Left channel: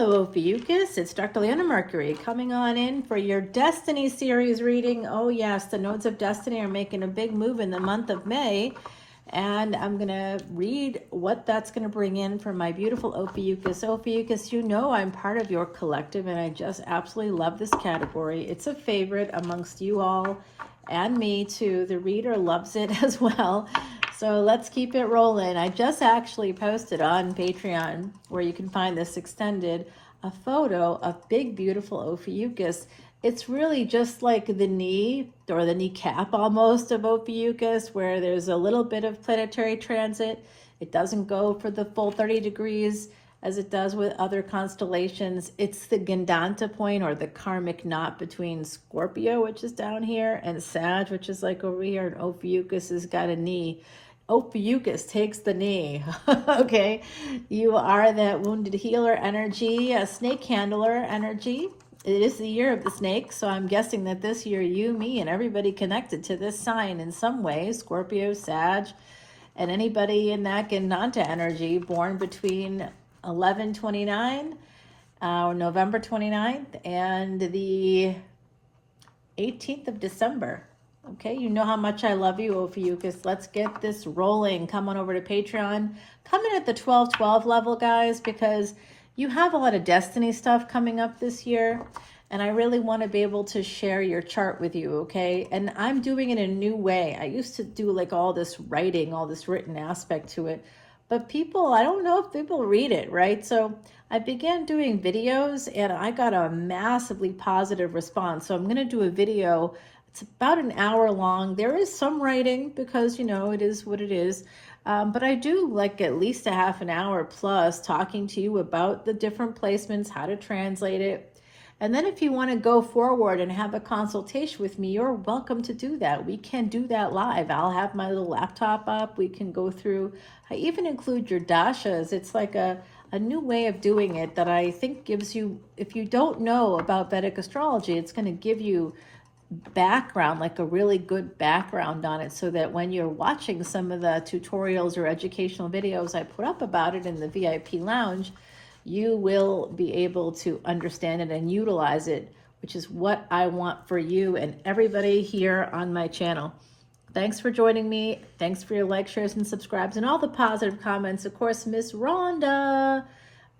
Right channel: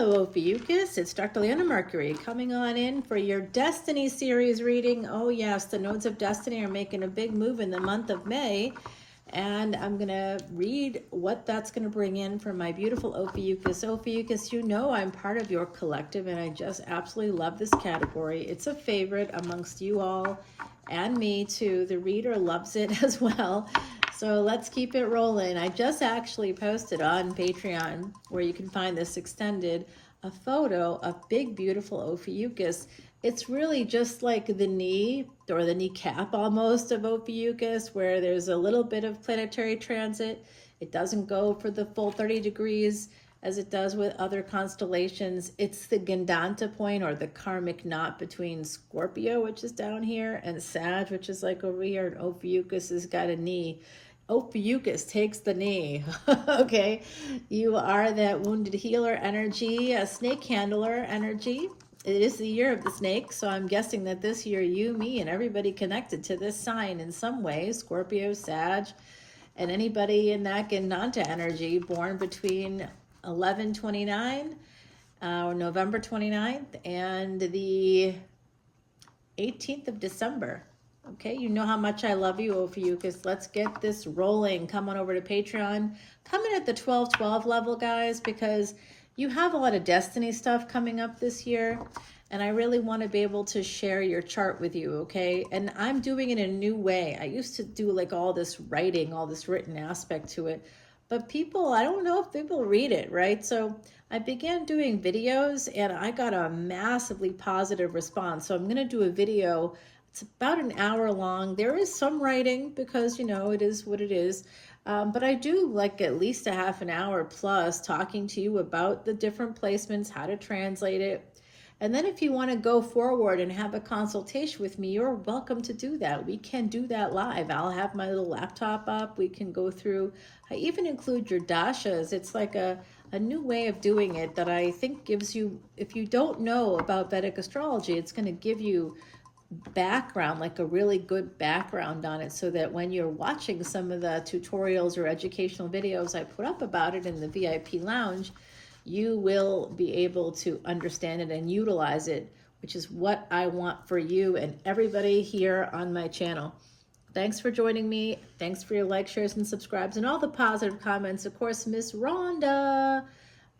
Hello, Ophiuchus. It's Dr. Leona Mercury coming on in for your Destiny series reading. Oh yes, the nodes of destiny are making a big move in the month of May, and I'm going to read what that's going to bring in for my beautiful Ophiuchus. Ophiuchus, you know I'm part of your collective, and I just absolutely love this category. It's a favorite amongst you all and me too. The reader loves it as well. So let's keep it rolling. I just actually posted on Patreon, where you can find this extended, a photo of big, beautiful Ophiuchus. It's really just like the knee, or the kneecap almost, of Ophiuchus, where there's a little bit of planetary transit. It doesn't go for the full 30 degrees as it does with other constellations. It's the Gandanta point, or the karmic knot between Scorpio, which is down here, and Sag, which is like over here, and Ophiuchus has got a knee. Ophiuchus takes the knee. Okay, you are that wounded healer energy, a snake handler energy. It is the year of the snake, so I'm guessing that this year you, me, and everybody connected to this sign in some way, Scorpio, Sag, and anybody in that Gandanta energy born between 11/29 or November 29th and the 18th of December. Okay, you know how much I love you, Ophiuchus. Let's get this rolling. Come on over to Patreon. Come in at the 12/12 level, guys, because you have a lot of destiny stuff coming up this year, and I really want to be able to share your chart with you, okay? And I'm doing it in a new way. I used to do like all this writing, all this written aspect to it, but people, I don't know if people read it, right? So I began doing videos, and I got a massively positive response. So I'm going to do a video. It's about an hour long. There is some writing because, you know, it is what it is. But I do like at least a half an hour plus talking to you about the different placements, how to translate it. And then if you want to go forward and have a consultation with me, you're welcome to do that. We can do that live. I'll have my little laptop up. We can go through. I even include your dashas. It's like a new way of doing it that I think gives you, if you don't know about Vedic astrology, it's going to give you background, like a really good background on it, so that when you're watching some of the tutorials or educational videos I put up about it in the VIP lounge, you will be able to understand it and utilize it, which is what I want for you and everybody here on my channel. Thanks for joining me. Thanks for your likes, shares, and subscribes, and all the positive comments. Of course, Miss Rhonda.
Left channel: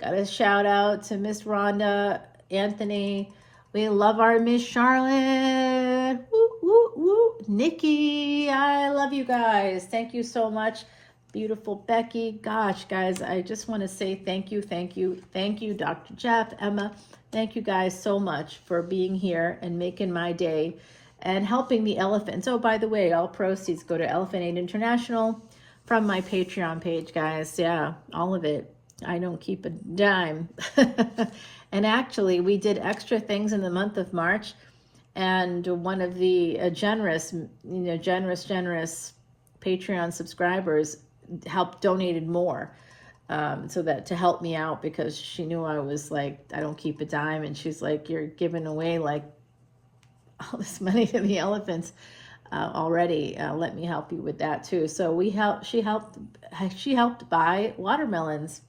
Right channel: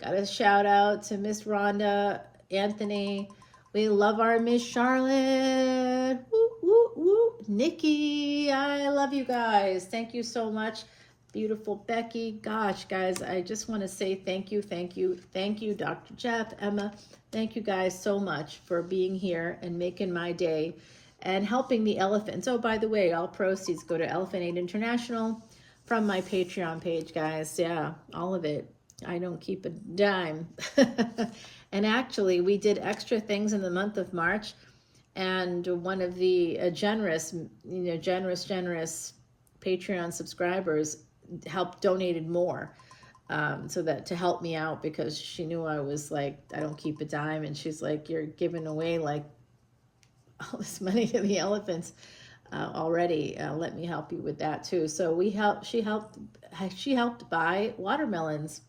Got a shout out to Miss Rhonda, Anthony. We love our Miss Charlotte. Woo, woo, woo. Nikki, I love you guys. Thank you so much. Beautiful Becky. Gosh, guys, I just want to say thank you, thank you, thank you, Dr. Jeff, Emma. Thank you guys so much for being here and making my day and helping the elephants. Oh, by the way, all proceeds go to Elephant Aid International from my Patreon page, guys. Yeah, all of it. I don't keep a dime. And actually, we did extra things in the month of March, and one of the generous Patreon subscribers helped donated more, so that to help me out, because she knew I was like, I don't keep a dime, and she's like, you're giving away like all this money to the elephants already. Let me help you with that too. So she helped buy watermelons.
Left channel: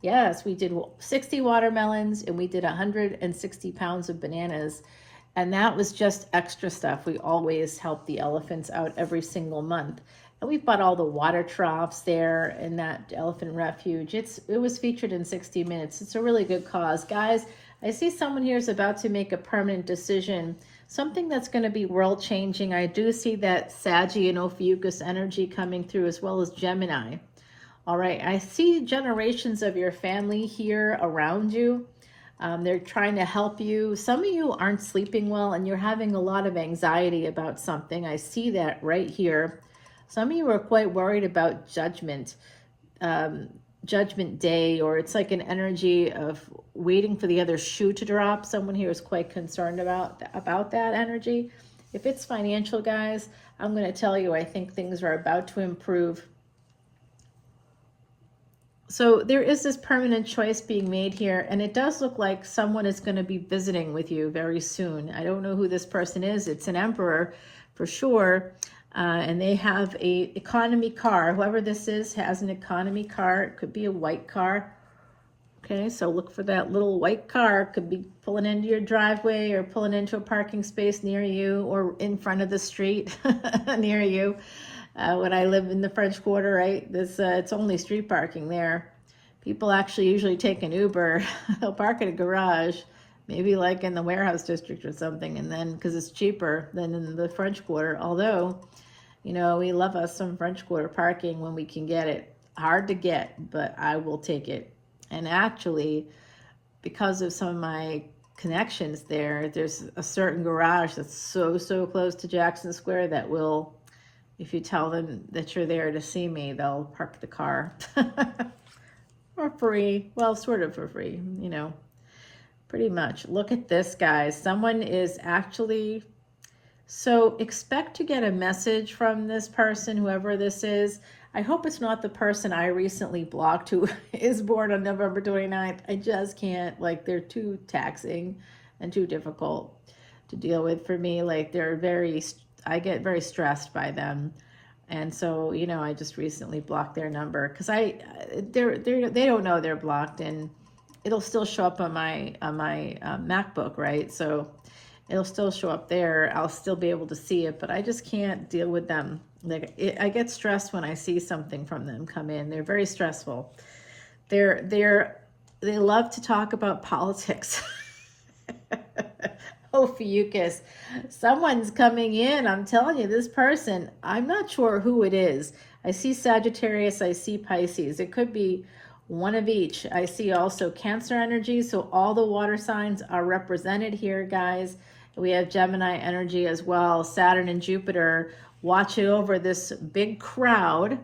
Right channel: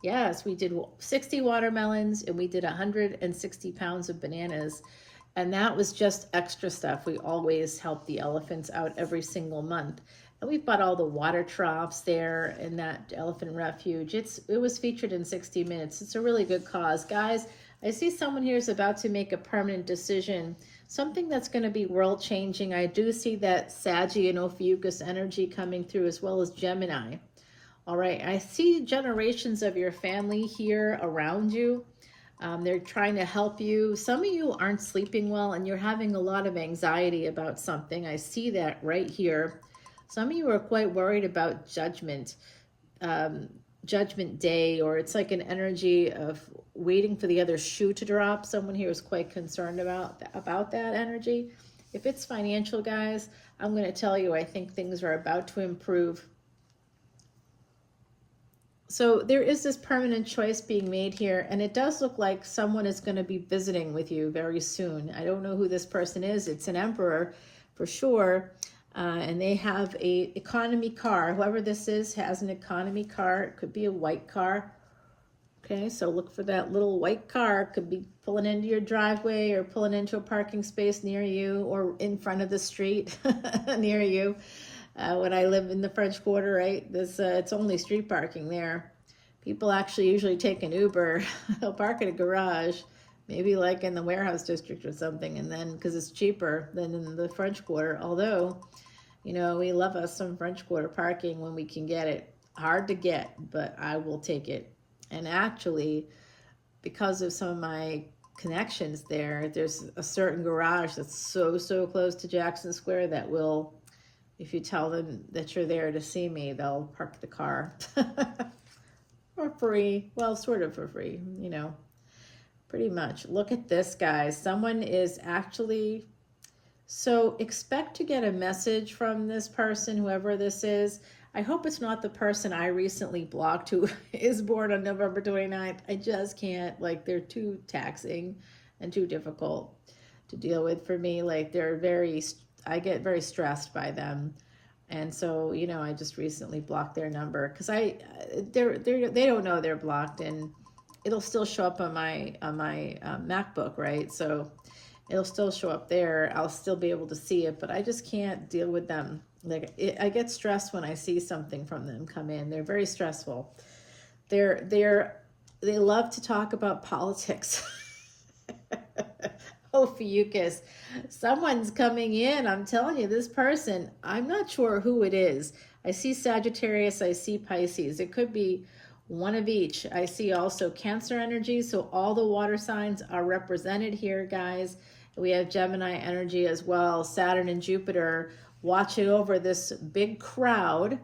Yes, we did 60 watermelons, and we did 160 pounds of bananas, and that was just extra stuff. We always help the elephants out every single month. And we bought all the water troughs there in that elephant refuge. It was featured in 60 Minutes. It's a really good cause. Guys, I see someone here is about to make a permanent decision, something that's going to be world-changing. I do see that Saggy and Ophiuchus energy coming through, as well as Gemini. All right, I see generations of your family here around you. They're trying to help you. Some of you aren't sleeping well, and you're having a lot of anxiety about something. I see that right here. Some of you are quite worried about judgment day, or it's like an energy of waiting for the other shoe to drop. Someone here is quite concerned about that energy. If it's financial, guys, I'm going to tell you, I think things are about to improve. So there is this permanent choice being made here, and it does look like someone is going to be visiting with you very soon. I don't know who this person is. It's an emperor for sure, and they have a economy car. Whoever this is has an economy car. It could be a white car. Okay, so look for that little white car. Could be pulling into your driveway or pulling into a parking space near you or in front of the street near you. When I live in the French Quarter, right, it's only street parking there. People actually usually take an Uber. They'll park in a garage, maybe like in the warehouse district or something, and then because it's cheaper than in the French Quarter. Although, you know, we love us some French Quarter parking when we can get it. Hard to get, but I will take it. And actually, because of some of my connections there's a certain garage that's so close to Jackson Square that will, if you tell them that you're there to see me, they'll park the car for free. Well, sort of for free, you know, pretty much. Look at this, guys. Someone is actually, so expect to get a message from this person, whoever this is. I hope it's not the person I recently blocked who is born on November 29th. I just can't, like, they're too taxing and too difficult to deal with for me. Like, I get very stressed by them. And so, you know, I just recently blocked their number because they don't know they're blocked, and it'll still show up on my MacBook, right? So it'll still show up there. I'll still be able to see it, but I just can't deal with them. Like, I get stressed when I see something from them come in. They're very stressful. They love to talk about politics. Ophiuchus. Someone's coming in. I'm telling you, this person, I'm not sure who it is. I see Sagittarius, I see Pisces. It could be one of each. I see also Cancer energy, so all the water signs are represented here, guys. We have Gemini energy as well. Saturn and Jupiter watching over this big crowd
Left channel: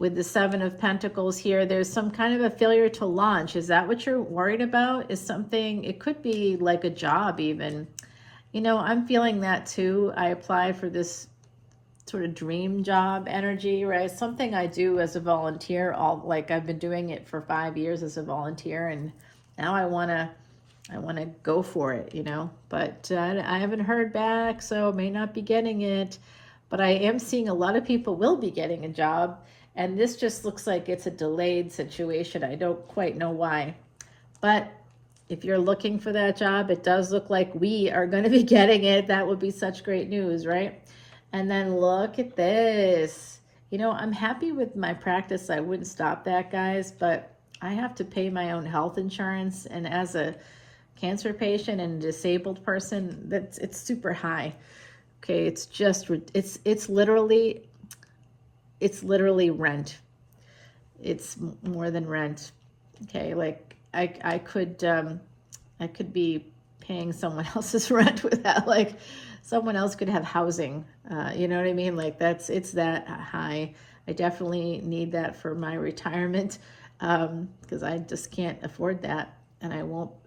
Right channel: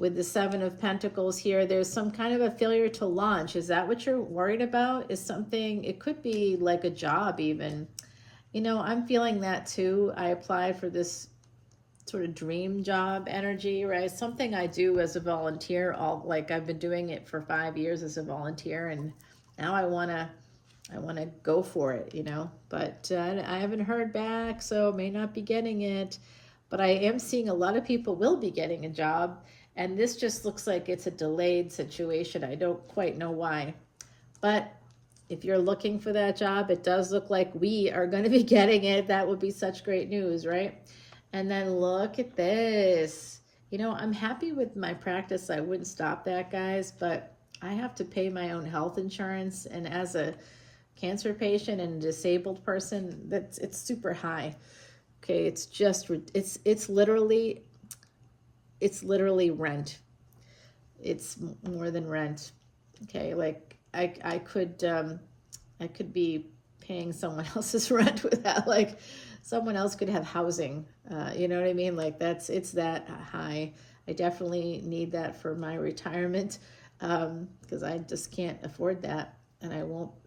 with the Seven of Pentacles here. There's some kind of a failure to launch. Is that what you're worried about? Is something, it could be like a job even. You know, I'm feeling that too. I applied for this sort of dream job energy, right? Something I do as a volunteer. Like I've been doing it for 5 years as a volunteer, and now I want to go for it, you know. But I haven't heard back, so I may not be getting it. But I am seeing a lot of people will be getting a job, and this just looks like it's a delayed situation. I don't quite know why. But if you're looking for that job, it does look like we are going to be getting it. That would be such great news, right? And then look at this. You know, I'm happy with my practice. I wouldn't stop that, guys, but I have to pay my own health insurance. And as a cancer patient and a disabled person, it's super high. Okay, it's just, it's literally rent. It's more than rent. Okay, like I could be paying someone else's rent with that. Like someone else could have housing. You know what I mean? Like it's that high. I definitely need that for my retirement because I just can't afford that, and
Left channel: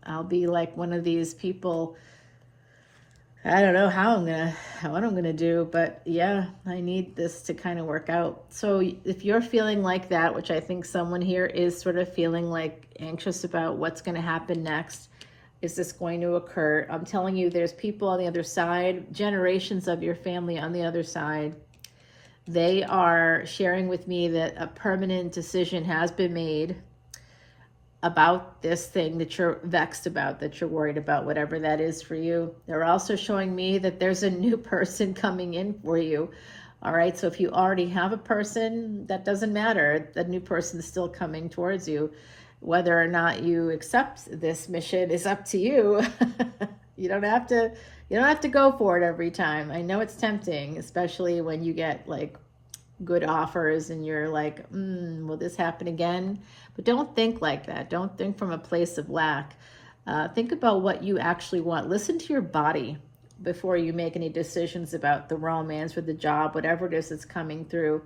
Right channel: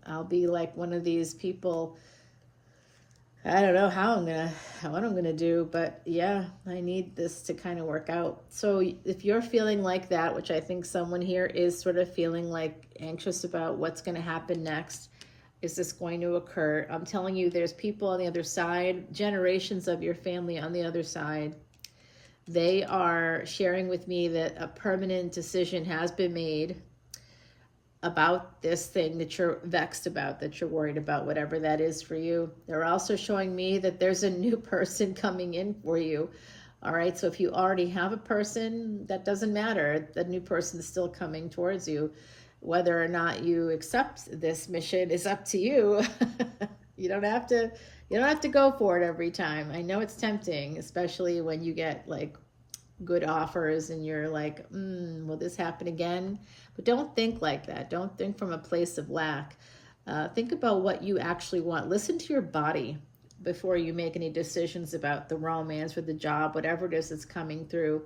I'll be like one of these people. I don't know what I'm gonna do, but yeah, I need this to kind of work out. So if you're feeling like that, which I think someone here is sort of feeling like anxious about what's gonna happen next, is this going to occur? I'm telling you, there's people on the other side, generations of your family on the other side. They are sharing with me that a permanent decision has been made about this thing that you're vexed about, that you're worried about, whatever that is for you. They're also showing me that there's a new person coming in for you. All right, so if you already have a person, that doesn't matter. The new person is still coming towards you. Whether or not you accept this mission is up to you. You don't have to go for it every time. I know it's tempting, especially when you get like good offers and you're like, will this happen again? But don't think like that. Don't think from a place of lack. Think about what you actually want. Listen to your body before you make any decisions about the romance or the job, whatever it is that's coming through.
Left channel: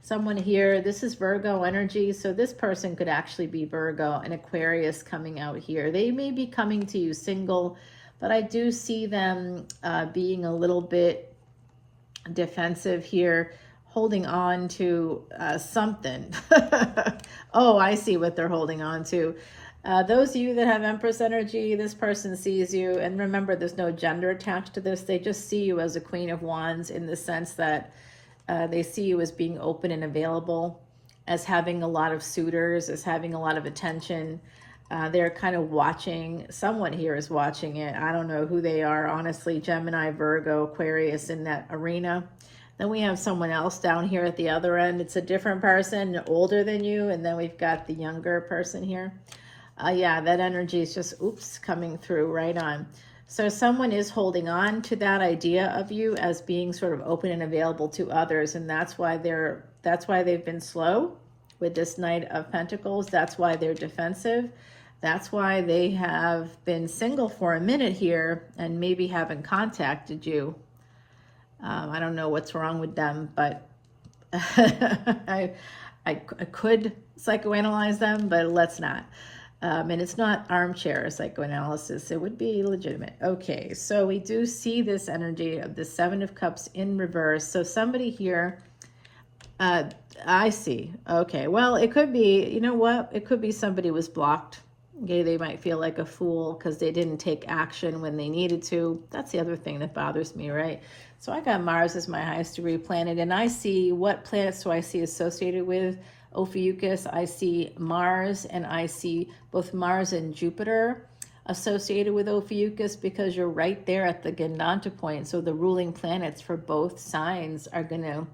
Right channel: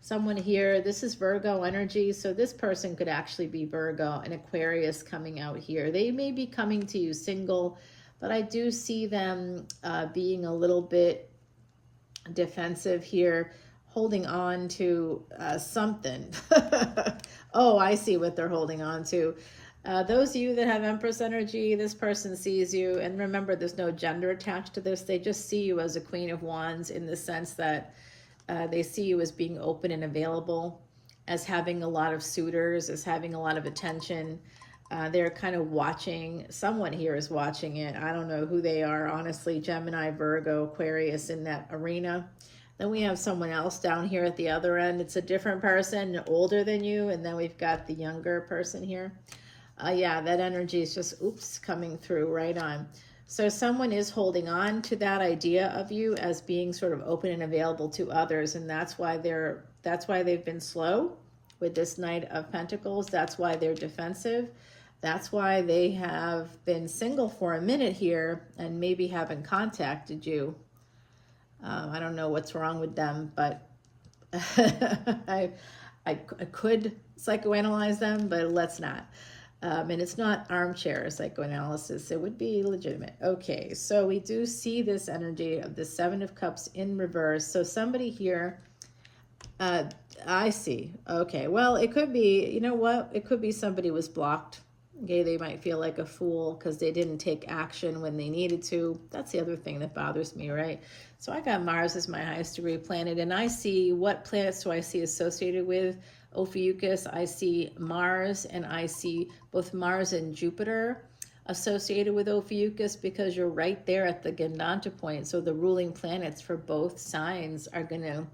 Someone here, this is Virgo energy, so this person could actually be Virgo and Aquarius coming out here. They may be coming to you single, but I do see them being a little bit defensive here, holding on to something. Oh, I see what they're holding on to. Those of you that have Empress energy, this person sees you, and remember, there's no gender attached to this. They just see you as a Queen of Wands in the sense that they see you as being open and available, as having a lot of suitors, as having a lot of attention. They're kind of watching, someone here is watching it. I don't know who they are, honestly. Gemini, Virgo, Aquarius in that arena. Then we have someone else down here at the other end. It's a different person, older than you. And then we've got the younger person here. Yeah, that energy is just, oops, coming through right on. So someone is holding on to that idea of you as being sort of open and available to others. And that's why they've been slow with this Knight of Pentacles. That's why they're defensive. That's why they have been single for a minute here and maybe haven't contacted you. I don't know what's wrong with them, but I could psychoanalyze them, but let's not. And it's not armchair psychoanalysis. It would be legitimate. Okay, so we do see this energy of the Seven of Cups in reverse. So somebody here, I see. Okay, well, it could be, you know what? It could be somebody was blocked. Okay, they might feel like a fool because they didn't take action when they needed to. That's the other thing that bothers me, right? So I got Mars as my highest degree planet, and I see, what planets do I see associated with Ophiuchus? I see Mars, and I see both Mars and Jupiter associated with Ophiuchus, because you're right there at the Gandanta point. So the ruling planets for both signs are gonna,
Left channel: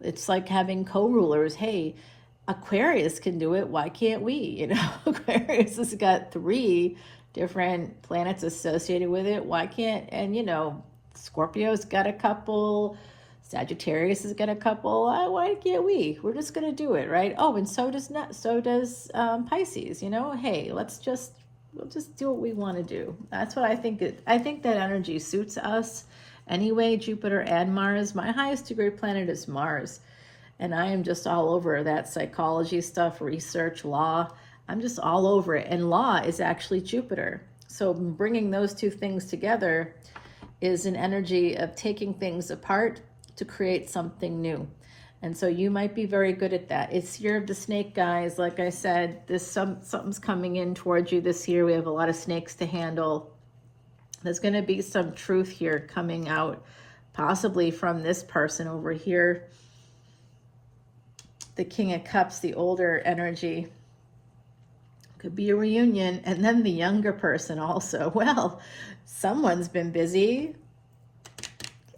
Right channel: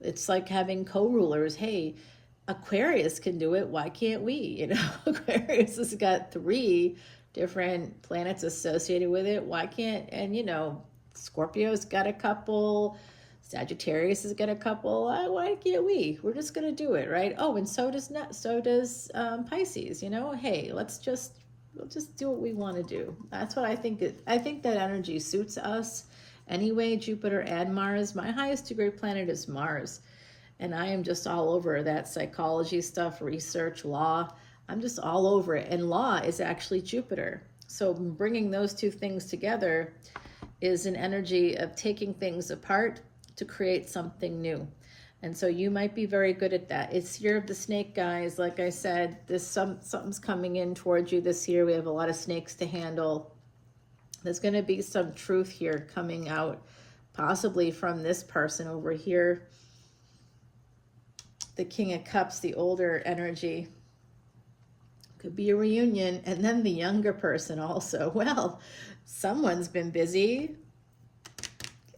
it's like having co-rulers. Hey, Aquarius can do it, why can't we? You know, Aquarius has got 3 different planets associated with it. Why can't, and you know, Scorpio's got a couple, Sagittarius has got a couple. Why can't we? We're just gonna do it, right? Oh, and so does Pisces. You know, hey, we'll just do what we want to do. That's what I think. I think that energy suits us anyway. Jupiter and Mars. My highest degree planet is Mars. And I am just all over that psychology stuff, research, law. I'm just all over it. And law is actually Jupiter. So bringing those two things together is an energy of taking things apart to create something new. And so you might be very good at that. It's year of the snake, guys. Like I said, something's coming in towards you this year. We have a lot of snakes to handle. There's going to be some truth here coming out, possibly from this person over here. The King of Cups, the older energy. Could be a reunion. And then the younger person also. Well, someone's been busy.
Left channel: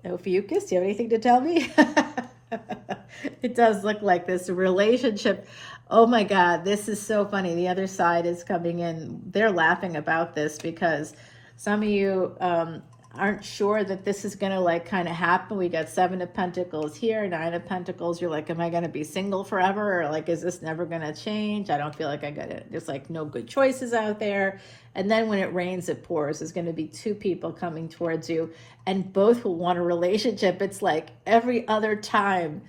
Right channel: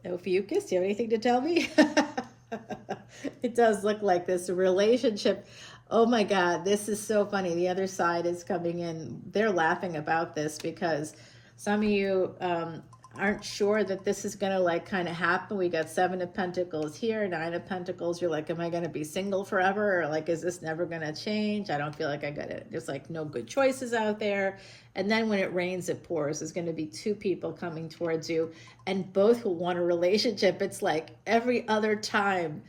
Ophiuchus, do you have anything to tell me? It does look like this relationship. Oh my God, this is so funny. The other side is coming in. They're laughing about this because some of you aren't sure that this is going to like kind of happen. We got 7 of Pentacles here, 9 of Pentacles. You're like, am I going to be single forever? Or like, is this never going to change? I don't feel like I got it. There's like no good choices out there. And then when it rains, it pours. There's going to be 2 people coming towards you and both will want a relationship. It's like every other time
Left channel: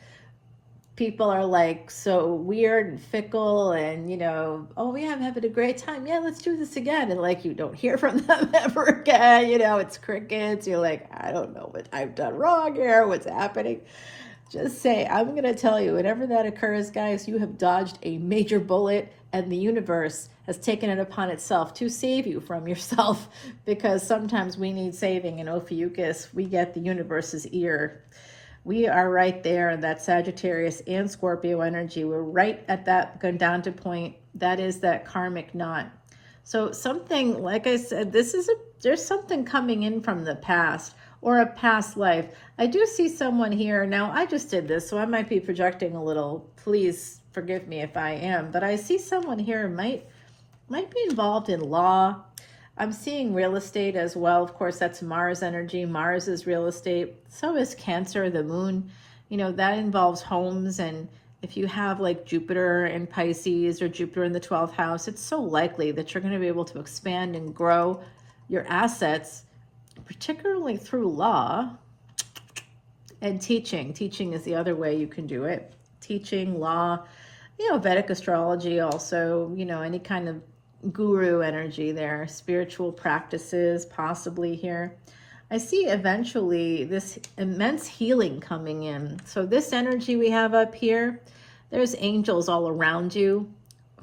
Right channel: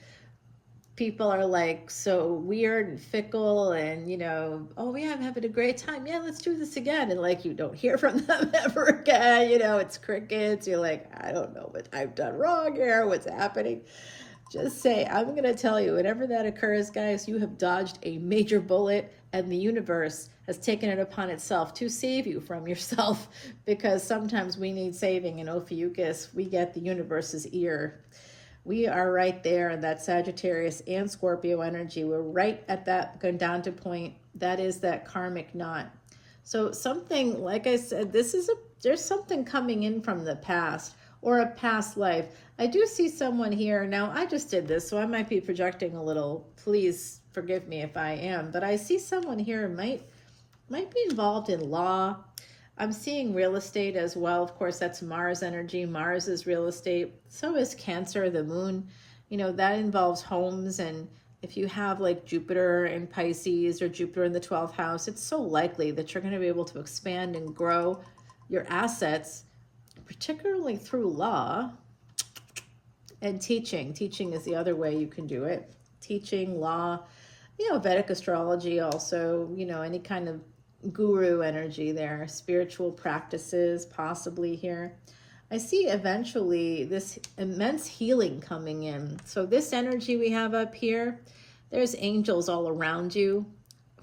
people are like so weird and fickle and, you know, oh yeah, I'm having a great time. Yeah, let's do this again. And like, you don't hear from them ever again. You know, it's crickets. You're like, I don't know what I've done wrong here. What's happening? Just say, I'm going to tell you, whenever that occurs, guys, you have dodged a major bullet and the universe has taken it upon itself to save you from yourself, because sometimes we need saving. In Ophiuchus, we get the universe's ear. We are right there in that Sagittarius and Scorpio energy. We're right at that Gandanta point. That is that karmic knot. So something, like I said, there's something coming in from the past or a past life. I do see someone here. Now, I just did this, so I might be projecting a little. Please forgive me if I am. But I see someone here might be involved in law. I'm seeing real estate as well. Of course, that's Mars energy. Mars is real estate. So is Cancer, the moon. You know, that involves homes. And if you have like Jupiter in Pisces or Jupiter in the 12th house, it's so likely that you're going to be able to expand and grow your assets, particularly through law and teaching. Teaching is the other way you can do it. Teaching, law, you know, Vedic astrology also, you know, any kind of guru energy there, spiritual practices possibly here. I see eventually this immense healing coming in. So this energy we have up here, there's angels all around you.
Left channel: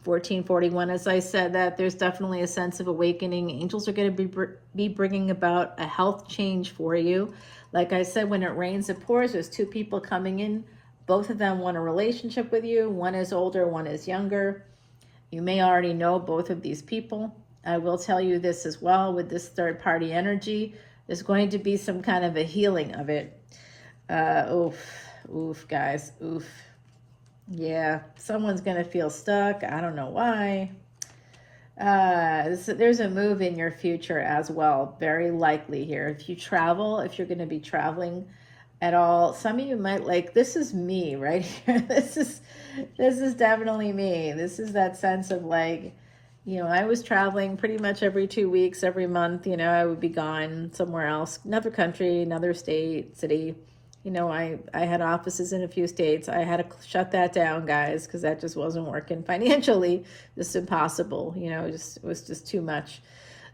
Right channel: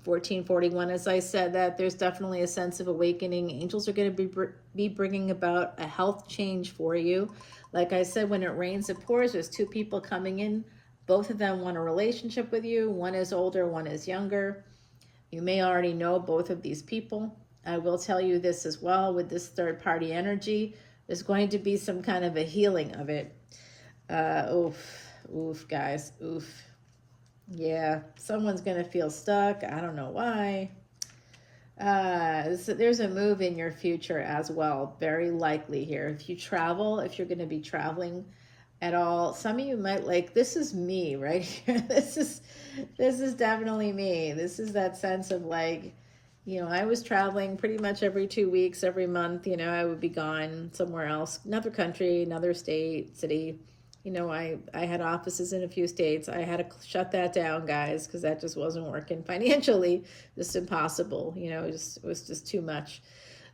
1441, as I said, that there's definitely a sense of awakening. Angels are going to be bringing about a health change for you. Like I said, when it rains, it pours. There's 2 people coming in. Both of them want a relationship with you. One is older, one is younger. You may already know both of these people. I will tell you this as well, with this third party energy, there's going to be some kind of a healing of it. Oof, guys, oof. Yeah, someone's going to feel stuck. I don't know why. There's a move in your future as well, very likely here. If you travel, if you're going to be traveling at all, some of you might like, this is me right here. This is definitely me. This is that sense of like, you know, I was traveling pretty much every 2 weeks, every month, you know, I would be gone somewhere else, another country, another state, city. You know, I had offices in a few states. I had to shut that down, guys, because that just wasn't working financially. Just impossible, you know, it was just too much.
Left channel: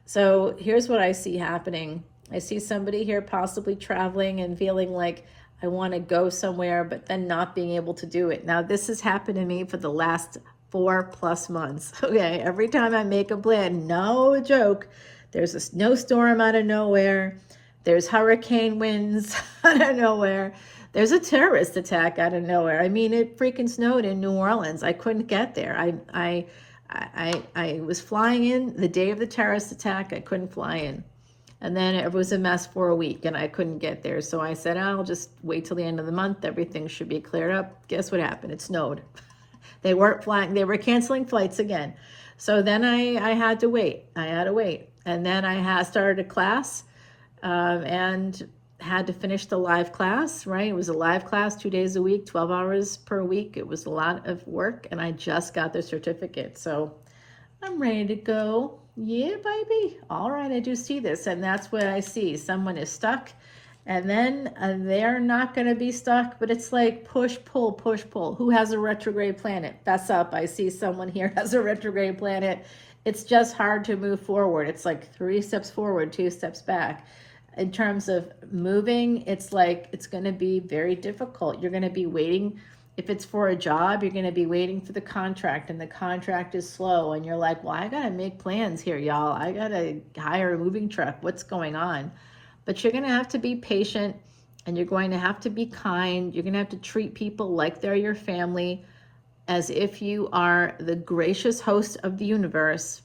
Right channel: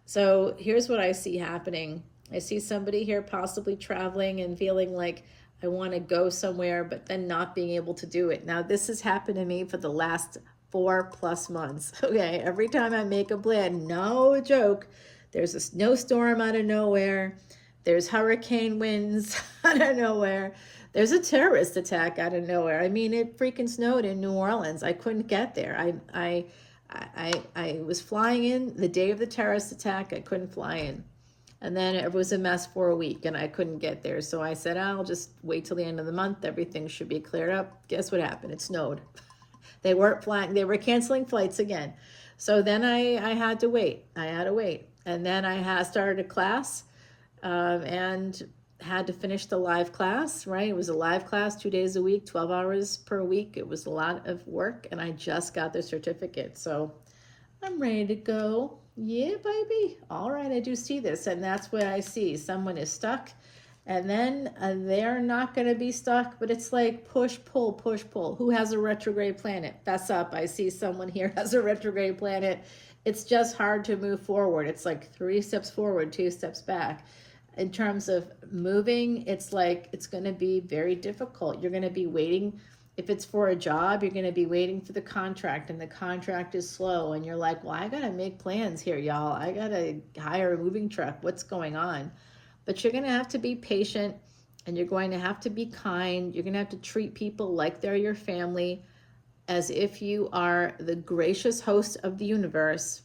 So here's what I see happening. I see somebody here possibly traveling and feeling like I want to go somewhere, but then not being able to do it. Now, this has happened to me for the last 4+ months. Okay, every time I make a plan, no joke, there's a snowstorm out of nowhere. There's hurricane winds out of nowhere. There's a terrorist attack out of nowhere. I mean, it freaking snowed in New Orleans. I couldn't get there. I was flying in the day of the terrorist attack. I couldn't fly in. And then it was a mess for a week and I couldn't get there. So I said, I'll just wait till the end of the month. Everything should be cleared up. Guess what happened? It snowed. They weren't flying. They were canceling flights again. So then I had to wait. I had to wait. And then I started a class and had to finish the live class, right? It was a live class 2 days a week, 12 hours per week. It was a lot of work and I just got the certificate. So I'm ready to go. Yeah, baby. All right, I do see this. And that's what I see. Someone is stuck and then they're not going to be stuck, but it's like push, pull, push, pull. Who has a retrograde planet? That's up. I see someone here has a retrograde planet. It's just hard to move forward. It's like 3 steps forward, 2 steps back. In terms of moving, it's like it's going to be very difficult. You're going to be waiting. If it's for a job, you're going to be waiting for the contract and the contract is slow. And you're like, well, I got to make plans here, y'all. I got to hire a moving truck. What's going on? But you're going to have to be patient and you're going to have to be kind. You're going to have to treat people like they're your family, as if you are the gracious host of the universe.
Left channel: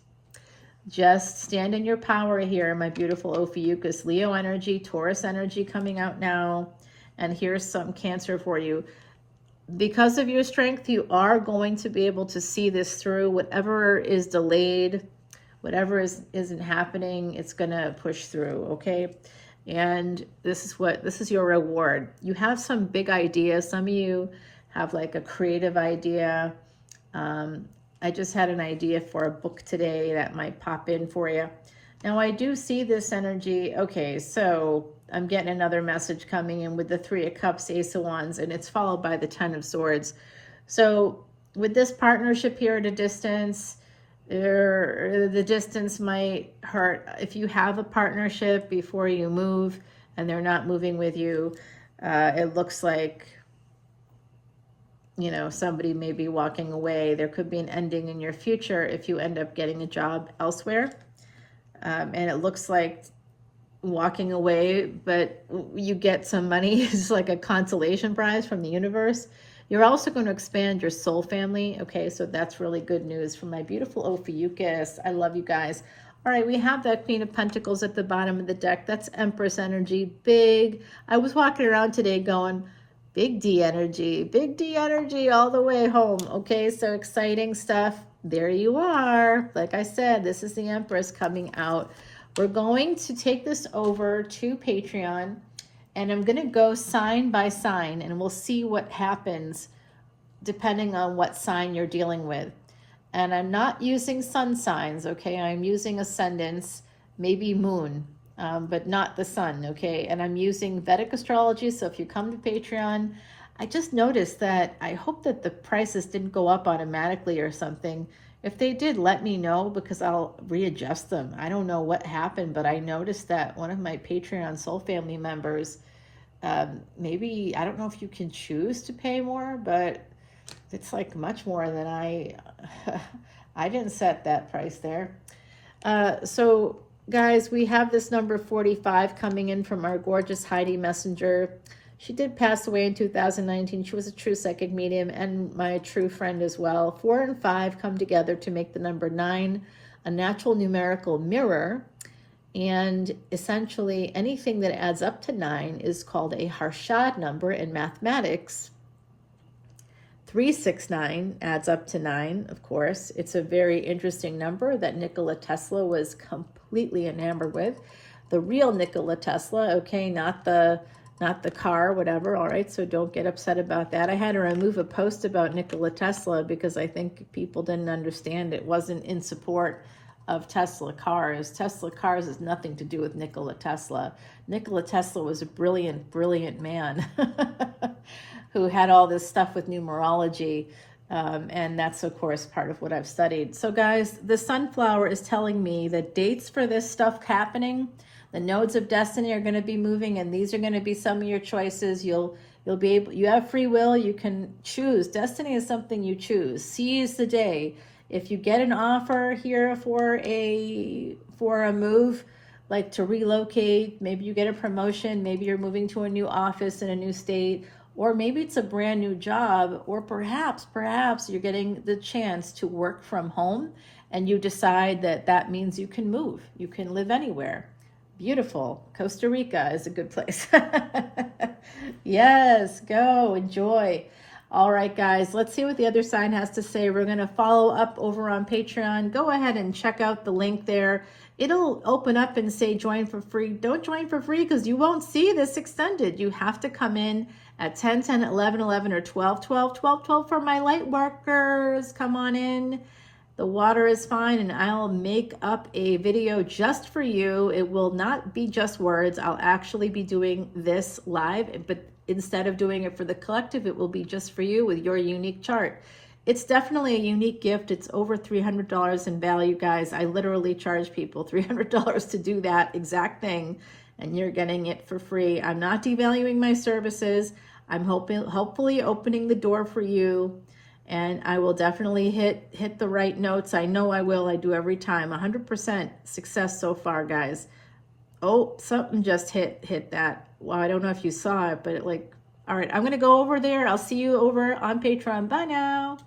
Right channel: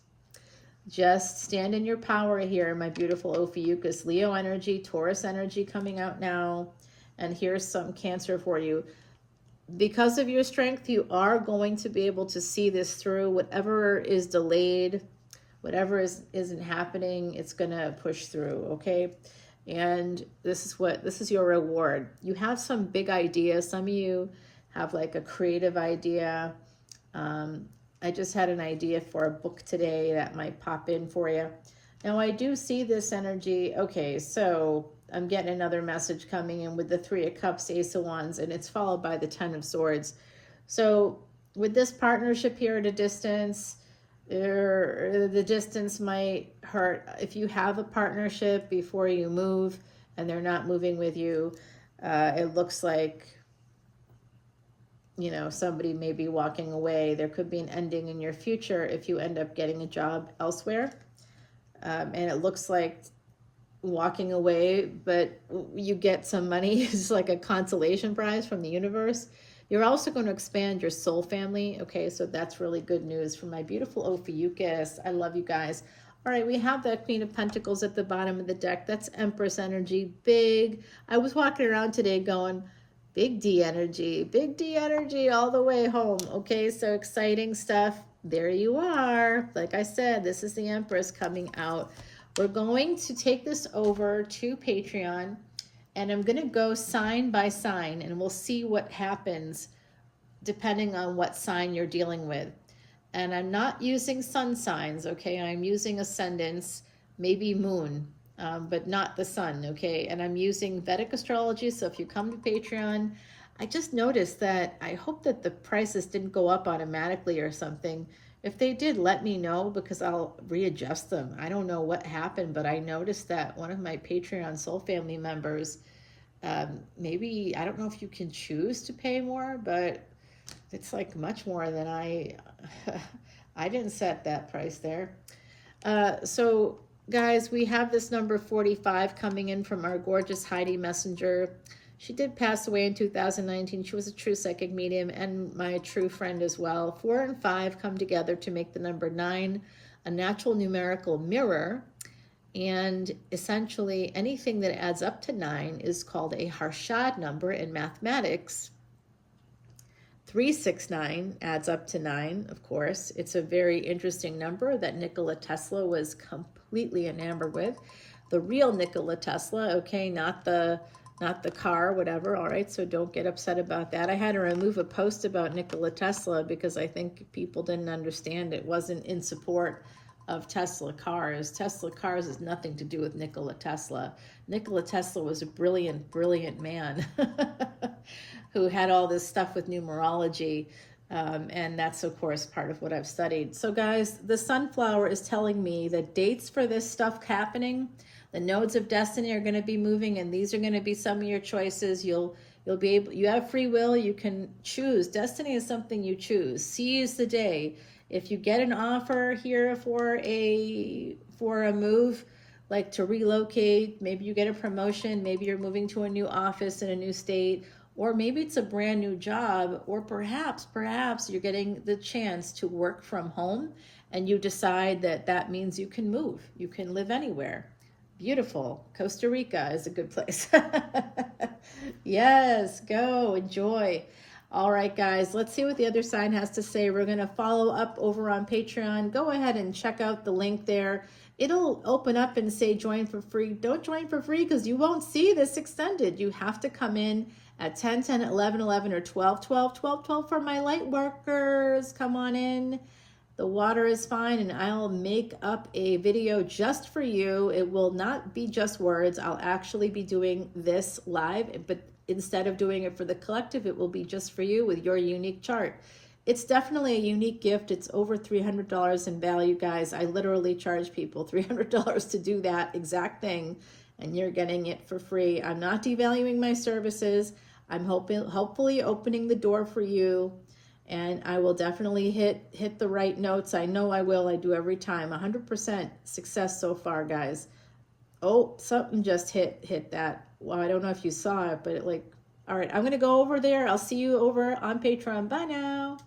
Just stand in your power here, my beautiful Ophiuchus. Leo energy, Taurus energy coming out now. And here's some Cancer for you. Because of your strength, you are going to be able to see this through. Whatever is delayed, whatever isn't happening, it's going to push through, okay? And this is your reward. You have some big ideas. Some of you have like a creative idea. I just had an idea for a book today that might pop in for you. Now I do see this energy. Okay, so I'm getting another message coming in with the 3 of Cups, Ace of Wands, and it's followed by the 10 of Swords. So with this partnership here at a distance, the distance might hurt. If you have a partnership before you move and they're not moving with you, it looks like, you know, somebody may be walking away. There could be an ending in your future if you end up getting a job elsewhere. And it looks like walking away, but you get some money. It's like a consolation prize from the universe. You're also going to expand your soul family. Okay, so that's really good news for my beautiful Ophiuchus. I love you guys. All right, we have that Queen of Pentacles at the bottom of the deck. That's Empress energy. Big. I was walking around today going, big D energy all the way home. Okay, so exciting stuff. There you are. Like I said, this is the Empress coming out. We're going to take this over to Patreon, and I'm going to go sign by sign, and we'll see what happens depending on what sign you're dealing with. And I'm not using sun signs, okay? I'm using ascendants, maybe moon, but not the sun, okay? And I'm using Vedic Astrology, so if you come to Patreon, I just noticed that I hope that the prices didn't go up automatically or something. If they did, let me know because I'll readjust them. I don't know what happened, but I noticed that one of my Patreon soul family members, maybe, I don't know if you can choose to pay more, but it's like much more than I didn't set that price there. So guys, we have this number 45 coming in from our gorgeous Heidi Messenger. She did pass away in 2019. She was a true psychic medium and my true friend as well. 4 and 5 come together to make the number 9, a natural numerical mirror. And essentially anything that adds up to 9 is called a Harshad number in mathematics. 369 adds up to 9, of course. It's a very interesting number that Nikola Tesla was completely enamored with. The real Nikola Tesla, okay, not the car, whatever, all right, so don't get upset about that. I had to remove a post about Nikola Tesla because I think people didn't understand it wasn't in support of Tesla cars. Tesla cars has nothing to do with Nikola Tesla. Nikola Tesla was a brilliant, brilliant man who had all this stuff with numerology, and that's, of course, part of what I've studied. So, guys, the sunflower is telling me that dates for this stuff happening, the nodes of destiny are going to be moving, and these are going to be some of your choices. You'll be able, you have free will, you can choose. Destiny is something you choose. Seize the day. If you get an offer here for a move, like to relocate, maybe you get a promotion, maybe you're moving to a new office in a new state, or maybe it's a brand new job, or perhaps you're getting the chance to work from home and you decide that means you can move, you can live anywhere. Beautiful. Costa Rica is a good place. Yes, go, enjoy. All right, guys, let's see what the other sign has to say. We're going to follow up over on Patreon. Go ahead and check out the link there. It'll open up and say join for free. Don't join for free because you won't see this extended. You have to come in at 10, 10, 11, 11, or 12, 12, 12, 12 for my light workers. Come on in. The water is fine, and I'll make up a video just for you. It will not be just words. I'll actually be doing this live, but instead of doing it for the collective, it will be just for you with your unique chart. It's definitely a unique gift. It's over $300 in value, guys. I literally charge people $300 to do that exact thing, and you're getting it for free. I'm not devaluing my services. I'm hopefully opening the door for you. And I will definitely hit the right notes. I know I will. I do every time. 100% success so far, guys. Oh, something just hit that. Well, I don't know if you saw it, but all right, I'm going to go over there. I'll see you over on Patreon. Bye now.